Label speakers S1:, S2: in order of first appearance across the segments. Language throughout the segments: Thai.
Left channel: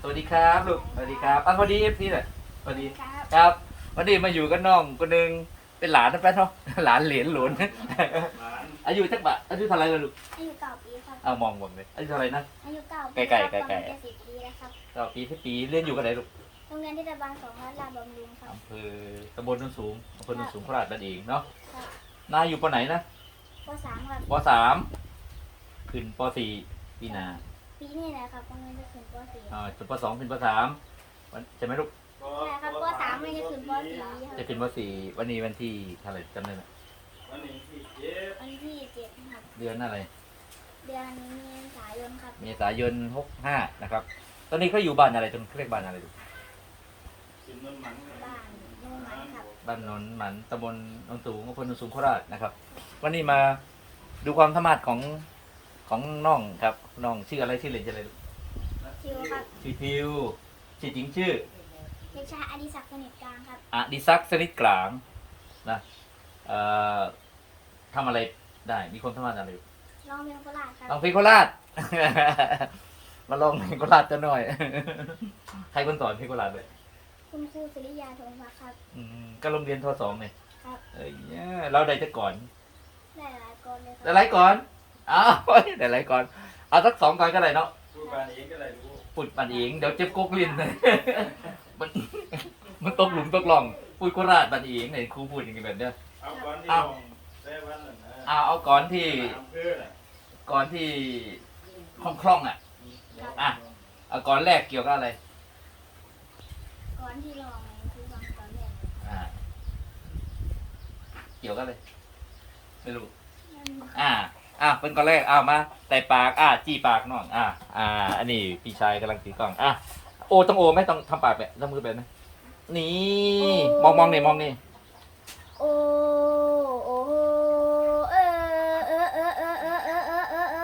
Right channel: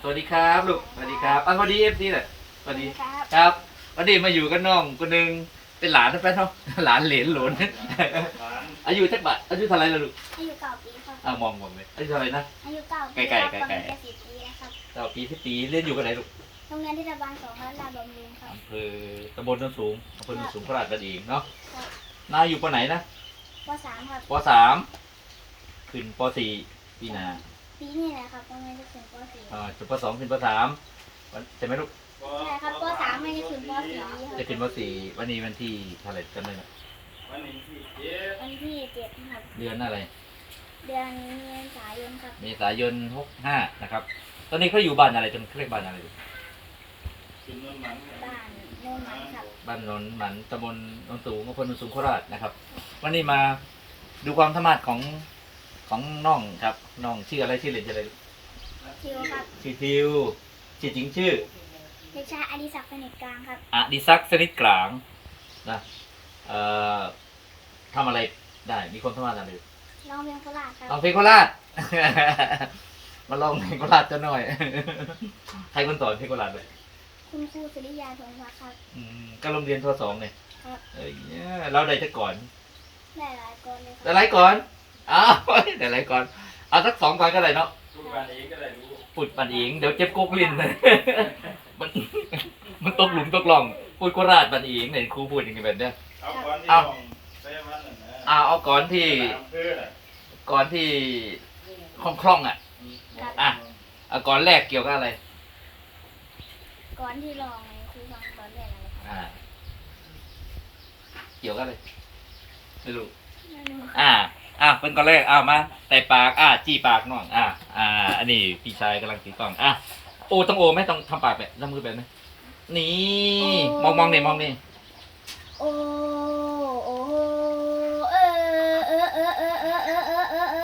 S1: วัสดีครับลูกสวัสดีครับสวัสดีFCหน่อยสวัสดี
S2: ครับ
S1: ครับวันนี้มาอยู่กับน้องคนหนึ่งเป็นหลานนะแป๊ะเนาะหลานเหลนหลนอายุจักบะอายุเท่าไรล่ะลูก
S2: อายุ9 ปีครับ
S1: มองเลยอายุเท่าไรนะ
S2: อายุ9 ปี
S1: ไกลๆ
S2: ครับ
S1: ไกลๆ
S2: ประมาณ10 ปีแล้วครับ
S1: 9 ปี10 ปีเรียนอยู่กันไหนลูก
S2: โรงเรียนเทศบาล2รัฐลาดบำรุงครับ
S1: อำเภอตำบลโนนสูงอำเภอโนนสูงโคราชนั่นเองเนาะ
S2: ครับ
S1: นายอยู่ปไหนนะ
S2: ป .3 ครับ
S1: ปขึ้นป4ปีหน้า
S2: ปีนี้นะครับกำลังจะขึ้นป .4
S1: จบป2ขึ้นป3ใช่ไหมลูก
S2: ใช่ครับป .3 ไม่ได้ขึ้นป .4 ครับ
S1: จะขึ้นป4วันนี้วันที่เท่าไหร่กันเลยนะ
S3: วันนี้ที่เจ็ด
S2: วันที่7ครับ
S1: เดือนอะไร
S2: เดือนเมษายนครับ
S1: เมษายน65นะครับ ตอนนี้เขาอยู่บ้านอะไรจังเรียกบ้านอะไรดู
S3: จุดนนมัน
S2: บ้านโน่นมันครับ
S1: บ้านนนหมันตำบลโนนสูงอำเภอโนนสูงโคราชนะครับ วันนี้มาดูความสามารถของน้องครับน้องชื่ออะไรชื่อเล่นชื่ออะไร
S2: ทิวครับ
S1: ชื่อทิวชื่อจริงชื่อ
S2: เด็กชายอดิศักดิ์สนิทกลางครับ
S1: อดิศักดิ์สนิทกลางนะเอ่อทำอะไรได้มีความสามารถอะไร
S2: ร้องเพลงโคราชครับ
S1: ลองเพลงโคราช มาลองเพลงโคราชจะหน่อย ใครคนสอนเพลงโคราชเลย
S2: คุณครูสุริยาธงพักครับ
S1: ก็โรงเรียนทสองเนี่ย
S2: ครับ
S1: เนี่ยเราได้จะก่อน
S2: ได้หลายคนเลยค
S1: ได้
S2: รับ
S1: ไรก่อนอ้าว ได้ไรก่อนเอาสัก2 ก่อนก็ได้เนาะ
S3: ผู้การเองก็ได้รู้
S1: พูดปันเองเดี๋ยวเจ็บกกลิ้นเลย มันมันตกหลุมตกหล่องพูดโคราชปันเองเนี่ยครูพูดอย่างนี้แบบเนี้ย
S3: เอาก่อนที่
S1: เอา
S3: ลองเซวันนั่นนะ
S1: เอาก่อนที่
S3: ตามเพื่อนน่ะ
S1: ก่อนที่คล่องๆอ่ะ อ่ะ เอาก่อนแรกเกี่ยวกับอะไร
S2: ก่อนที่ร้องในครูฟังก่อนแรกอะไรครับ
S1: อ่า เกี่ยวกับอะไรไม่รู้
S2: ไม่รู้ครับ
S1: เป็นก่อนแรกมาแต่ปากจี้ปากน้องอันนี้พี่ชายกำลังถือกล้องโอต้องโอไหมต้องทำปากแบบทำมือแบบไหมนี่มองนี่มองนี่
S2: โอ้โอ้เออเออเออเออเออเออเออเออเอ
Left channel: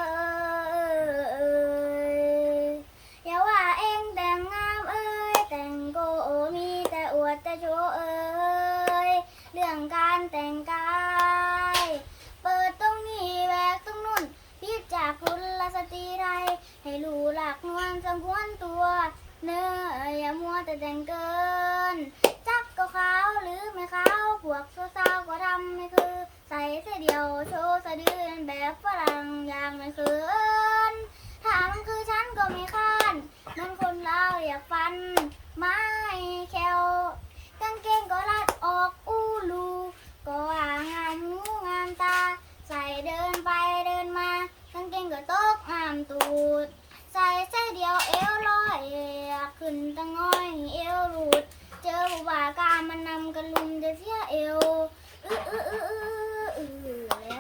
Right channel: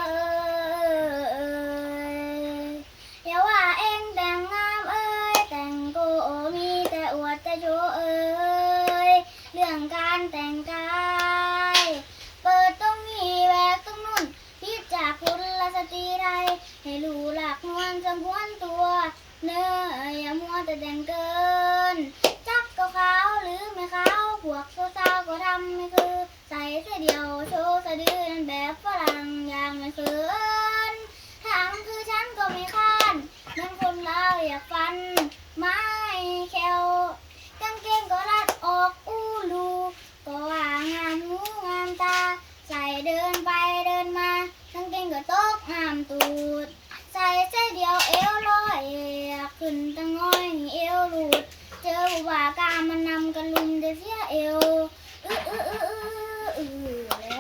S2: ออย่าว่าเองแต่งงามเอ้ยแต่งโกมีแต่อวดแต่โชว์เอ้ยเรื่องการแต่งกายเปิดตรงนี้แหวกตรงนู้นพิดจากคุณละสตรีไรให้รู้หลักนวลสมควรตัวเนื้ออย่ามัวแต่แต่งเกิน จักก็ขาวหรือไม่ขาวพวกสาวๆก็ทำไม่คือ ใส่เสื้อเดียวโชว์สะดือแบบฝรั่งอย่างไม่เขินถ้ามันคือฉันก็ไม่ค้านมันคนเราอยากฟัน ไม้แควกางเกงก็รัดออกอู้ลูก็ว่างามหูงามตา ใส่เดินไปเดินมากางเกงก็ตกงามตูด ใส่เสื้อเดียวเอวลอยขึ้นตั้งน้อยเอวหลุด เจอว่าการมันนำกันลุมจะเสียเอวแล้ว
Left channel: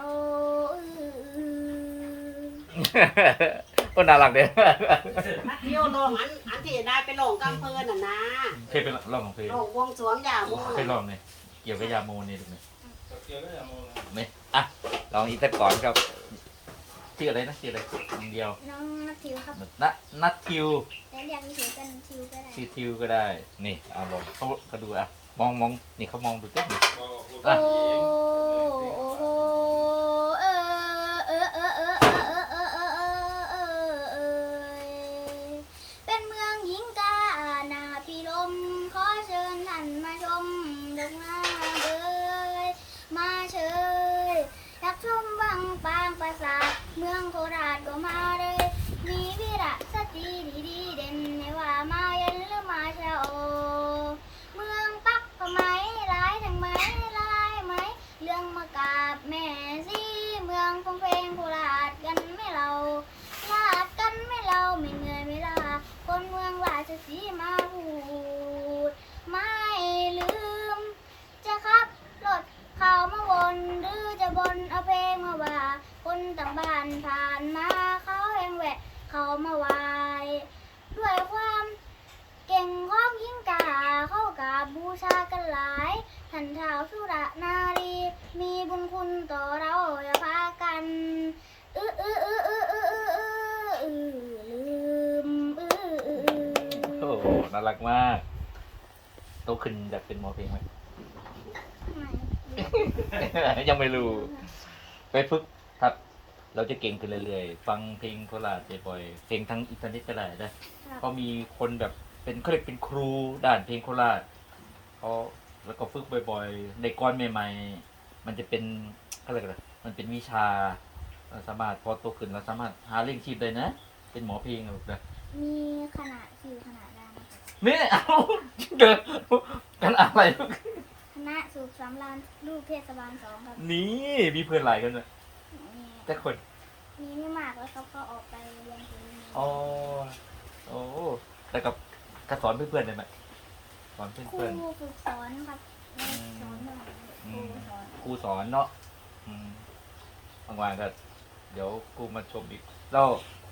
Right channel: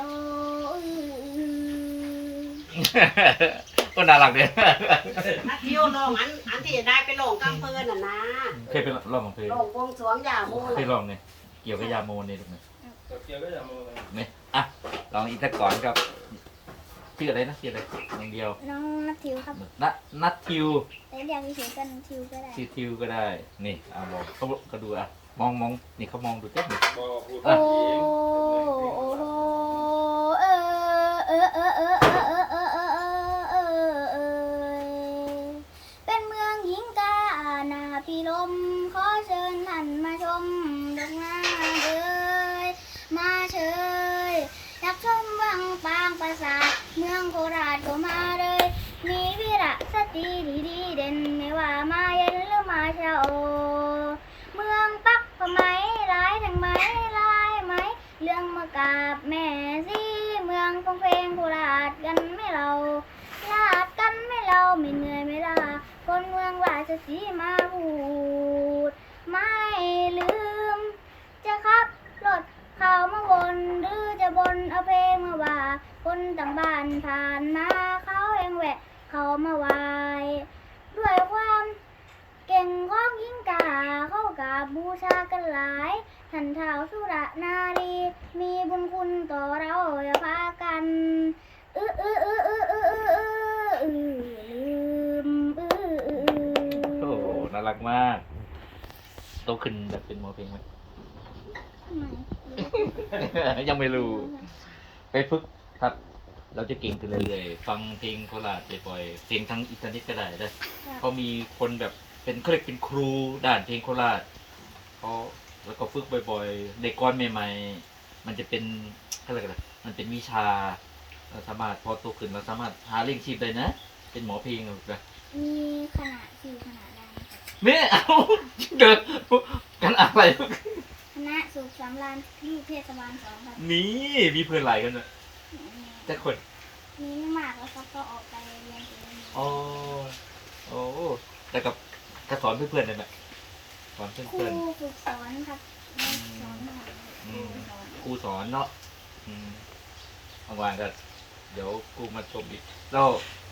S1: ก็น่ารักเด้
S4: นักเที่ยวลงอันที่จะได้ไปลงกำเพิ่นน่ะนะ
S1: เคยเป็นร้องของเพลง
S4: ลงวงสรวงอย่าง
S1: เคยร้องเนี่ยเกี่ยวกับยาโมเนี่ยถูกไหม
S3: เกี่ยวก็อย่ามองเลย
S1: ไม่ลองอีกสักก่อนครับชื่ออะไรนะชื่ออะไรอย่างเดียว
S2: น้องนัททิวครับ
S1: นัททิว
S2: แต่เรียกเฉยๆกันทิวก็ได้
S1: ชื่อทิวก็ได้นี่มองเขาดูมองนี่เขามองดูเจ๊นี่
S3: บอกพูด
S2: โอ้
S3: เอง
S2: โอ้เออเออเออเออเออเออเออเออเออเป็นเมืองหญิงกานาพิลมขอเชิญท่านมาชมดอกนาเอ้ยมาเชยอยากชมวังปางปราสาทเมืองโคราชก็มาเลย มีวิระสตรีดีๆเด่นไม่ว่ามาเย็นหรือมาเช้าเมืองปักพะไหมร้ายทั้งไหมร้ายไหมเรื่องมากราบแม่สิเมืองฟงเพลงโคราชกันไม่เราลาดกันไม่เราไม่เหนื่อยไม่ลาคนเมืองราชสีมาพูดไม่ลืม จะขับรถเข้ามาวนหรือจะบนเอาเพลงมาว่าคนต่างบ้านผ่านมาเขาเองแหวะเขามาไหวด้วยความเก่งของหญิงกาเข้ากับบูชากันหลายท่านท้าวสุรนารีมีบุญคุณต่อเราอย่าพากันลืม
S1: โอ้โหน่ารักมากโตขึ้นแบบเป็นหมอเพลงไหม ยังไม่รู้ไปฝึกครับเราจะเก่งขึ้นเรื่อยๆฟังเพลงโคราชบ่อยๆเพลงทางอินเทอร์เน็ตก็ได้นะเขามีคนแบบเป็นเขาเรียกเป็นครูด้านเพลงโคราชเขาแล้วก็ฝึกบ่อยๆในก้อนใหม่ๆมันจะเป็นเขาเรียกอะไรมันเป็นวิชาเราสามารถพอโตขึ้นเราสามารถหาเลี้ยงชีพได้นะเป็นหมอเพลงแบบ
S2: มีขนาดสิวขนาดล่างครับ
S1: นี่เอาเดินกันอะไร
S2: คณะสุขสำราญลูกเทศบาล2ครับ
S1: นี่มีเพื่อนหลายกันเลย
S2: มี
S1: แต่คน
S2: มีไม่มากแล้วเขาก็ออกไปเรียนถึง
S1: อ๋อโอ้แต่กับกระสอนเพื่อนๆเลยไหมสอน
S2: ครู
S1: เพื่อน
S2: ฝึกสอนครับไม่สอนหน่อยครูสอน
S1: ๆครูสอนเนาะบางวันก็เดี๋ยวครูมาชมอีกเรา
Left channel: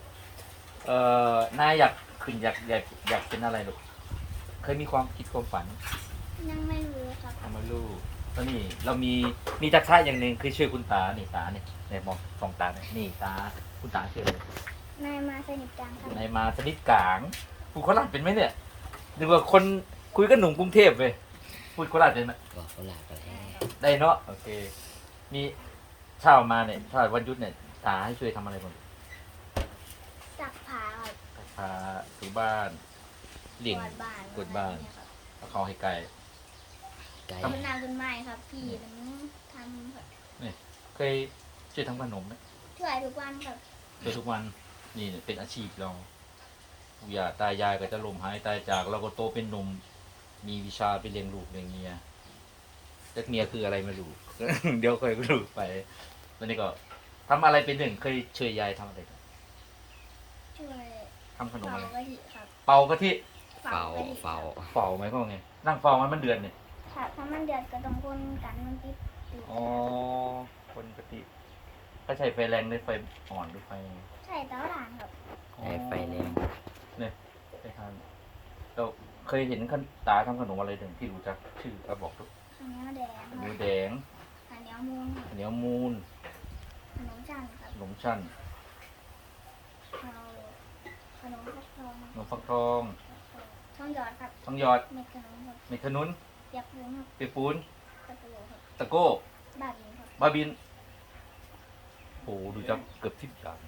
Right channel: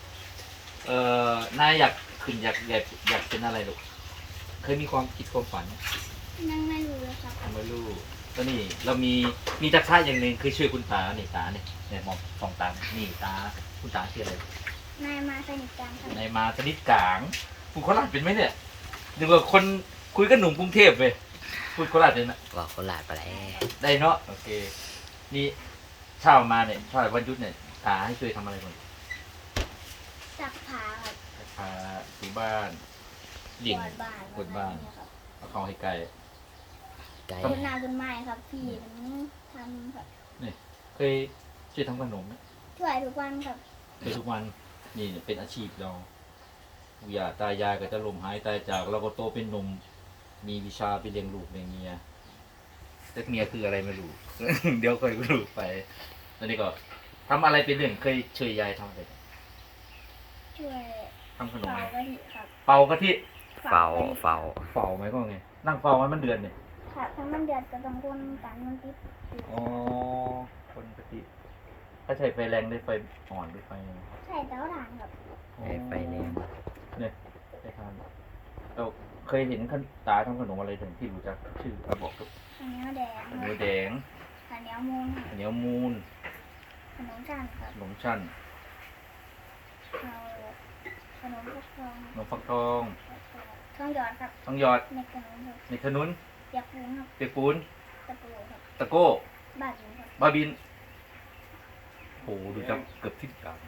S1: นายอยากขึ้นอยากเป็นอะไรลูกเคยมีความคิดความฝัน
S2: ยังไม่รู้เลยครับ
S1: ทำไมลูกตอนนี้เรามีทักษะอย่างหนึ่งคือช่วยคุณตานี่ตาเนี่ยมองสองตาเนี่ยนี่ตาคุณตาชื่ออะไร
S2: นายมาสนิทกันครับ
S1: ในมาสนิทกลางพูดโคราชเป็นไหมเนี่ยนึกว่าคนคุยกับหนุ่มกรุงเทพเลยพูดโคราชเป็นไหม
S5: บอกโคราชไปแล้ว
S1: ได้เนาะโอเคนี่เช้ามาเนี่ยเช้าวันหยุดเนี่ยตาให้ช่วยทำอะไรบ้าง
S2: ซักผ้าครับ
S1: พาถูบ้านเลี้ยง
S2: กวาดบ้าน
S1: กวาดบ้าน
S2: นี่ครับ
S1: เอาเข้าให้ไกล
S5: ไกล
S2: ต้นนาต้นไม้ครับพี่ผมทำครับ
S1: เคยช่วยทำขนมไหม
S2: ช่วยทุกวันครับ
S1: ช่วยทุกวันนี่เป็นอาชีพเราอย่าตายายก็จะล้มหายตายจากเราก็โตเป็นหนุ่มมีวิชาไปเลี้ยงลูกเลี้ยงเมียแต่เมียคืออะไรไม่รู้ เดี๋ยวค่อยรู้ไปตอนนี้ก็ทำอะไรเป็นหนึ่งเคยช่วยยายทำอะไร
S2: ช่วย
S1: ทำขนม
S2: เผา
S1: อะไร
S2: กะทิครับ
S1: เป่ากะทิ
S5: เฝ้าก
S2: ะทิ
S5: เฝ้า
S1: เป่าไหมก็ไงนั่งเป่ามันเดือนเนี่ย
S2: ครับถ้ามันเดือดก็ต้องคนกันมันติดอยู่
S1: อ๋อคนกะทิเขาใช้ไฟแรงหรือไฟอ่อนหรือไฟยังไง
S2: ใช่เตาถ่านครับ
S5: ไฟไฟแรง
S1: ไปทานเราเคยเห็นขั้นตาทำขนมอะไรถึงที่รู้จักชื่อเอาบอกทุก
S2: ข้าวเหนียวแดงค
S1: ห
S2: รั
S1: มู
S2: บ
S1: แดง
S2: ข้าวเหนียวมูนครับ
S1: ข้าวเหนียวมูน
S2: ขนมจันทร์ครับ
S1: ขนมชั้น
S2: เราขนมฟักทอง
S1: ขนมฟักทอง
S2: ทองหยอดครับ
S1: ต้องหยอด
S2: เม็ดขนมครับ
S1: เม็ดขนุน
S2: เปียกปูนครับ
S1: เปียกปูน
S2: ตะปูครับ
S1: ตะโก้
S2: บาดหินครับ
S1: บาบินโอ้ดูจักเกือบ10 อย่าง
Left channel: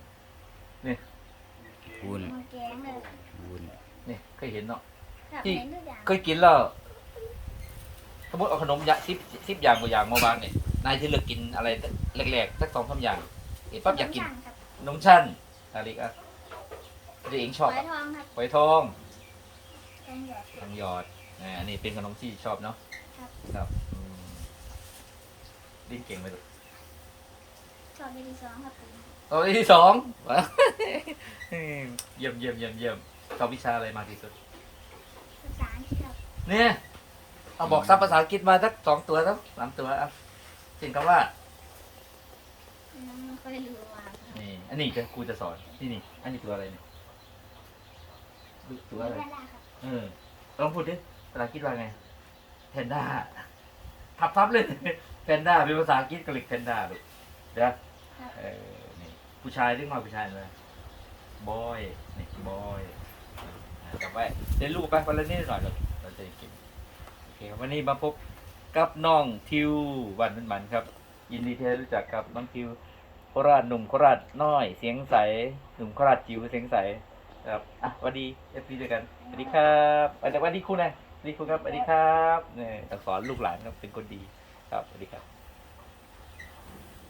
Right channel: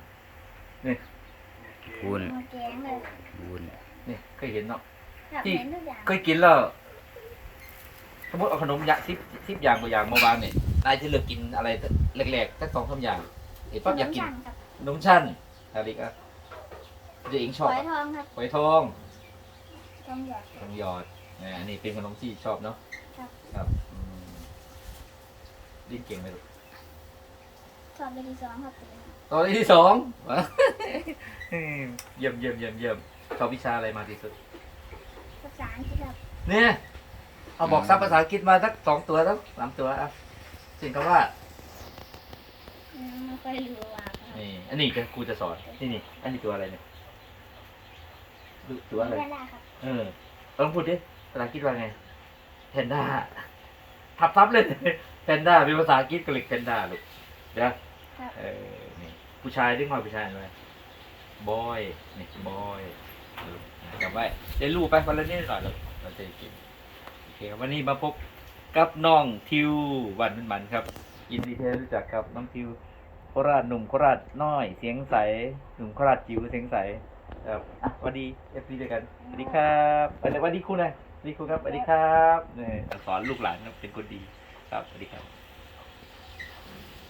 S5: บุญ
S2: มาแกงเลย
S5: บุญ
S1: นี่เคยเห็นเนาะ
S2: ครับ
S1: ที่
S2: เห็นทุกอย่าง
S1: เคยกินแล้วสมมติเอาขนมอย่างสิบอย่างตัวอย่างมาวางเนี่ยนายที่เลือกกินอะไรแรกๆสัก2-3อย่างเห็น
S2: ข
S1: ปั๊บ
S2: น
S1: อยาก
S2: ม
S1: กิน
S2: จันทร์ครับ
S1: ขนมชั้นอะไรอีกอ่ะเด็กเองชอบ
S2: ฝอย
S1: อะ
S2: ทองครับ
S1: ฝอยทอง
S2: ทองหยอด
S1: ทองหยอดอันนี้เป็นขนมที่ชอบเนาะ
S2: ครับ
S1: ครับดิ้นเก่งไหมลูก
S2: ชอบไปที่2ครับเป็น
S1: ตอนที่สอง เยี่ยมชอบวิชาอะไรมากที่สุด
S2: ภาษาอังกฤษครับ
S1: เนี่ยเอาบอกซับภาษาอังกฤษมาสัก2 ตัวสัก3 ตัวอ่ะสิ่งคำว่า
S2: ยังไม่ค่อยรู้ว่าครับ
S1: นี่อันนี้ครูจะสอนนี่อันนี้ตัวอะไรเนี่ยตัวอะไร
S2: ไม่ได้ครับ
S1: ลองพูดดิภาษาอังกฤษว่าไงแพนด้าทับเลย แพนด้าเป็นภาษาอังกฤษกรีกแพนด้าลูกเดี๋ยว
S2: ครับ
S1: นี่ผู้ชายเรียกมาผู้ชายอะไรบอยนี่บอยจำไว้เรียนรู้ไปวันละนิดหน่อยเราจะกินโอเคครับวันนี้มาพบกับน้องทิววันเป็นมันครับยินดีที่ได้รู้จักครับน้องทิวโคราชหนุ่มโคราชน้อยเสียงใสหนุ่มโคราชจิ๋วเสียงใสครับอ่ะสวัสดีเอฟซีด้วยกันสวัสดีครับสวัสดีครูนะสวัสดีครูครับสวัสดีครับเนี่ยสอนลูกหลานครับเป็นคนดีครับสวัสดีครับ